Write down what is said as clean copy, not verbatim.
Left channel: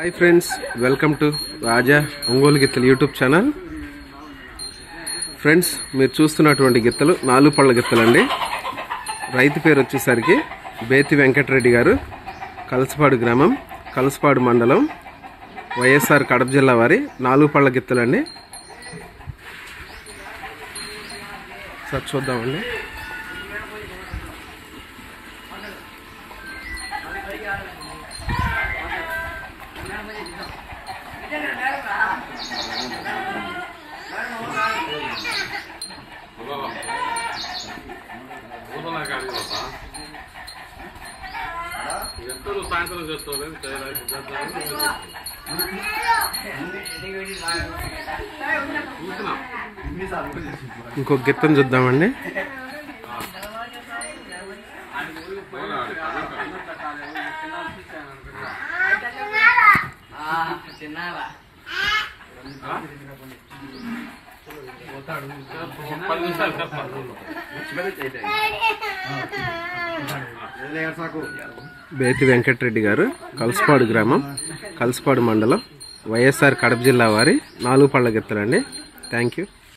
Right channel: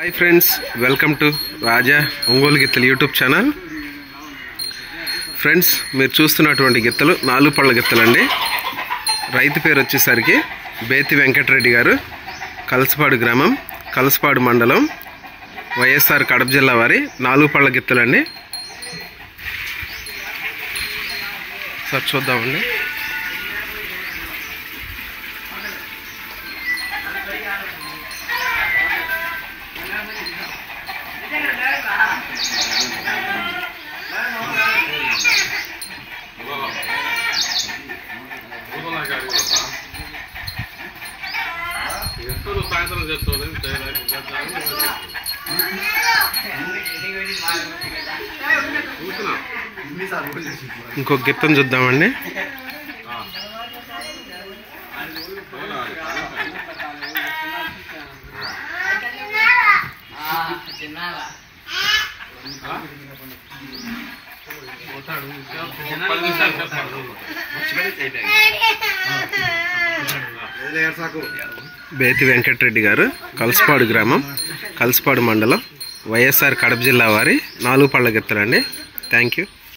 Hi friends, welcome to రాజా ఒంగోలు గిత్తలు YouTube channel. Friends, మీరు చూస్తున్నటువంటి గిత్తలు 4 పళ్ళ గిత్తలండి. రైతు పేరు వచ్చేసరికి బేతి వెంకటరెడ్డి గారు, కలసపాడు గ్రామం, కలసపాడు మండలం, వైఎస్ఆర్ కడప జిల్లా వారి 4 పళ్ళ గిత్తలండి. సార్ చూద్దామండి. ఇంకొక గిత్తను చూద్దామండి. బేతి వెంకటరెడ్డి గారు, కలసపాడు గ్రామం, కలసపాడు మండలం, వైఎస్ఆర్ కడప జిల్లా వారి 4 పళ్ళ గిత్తలండి. Thank you.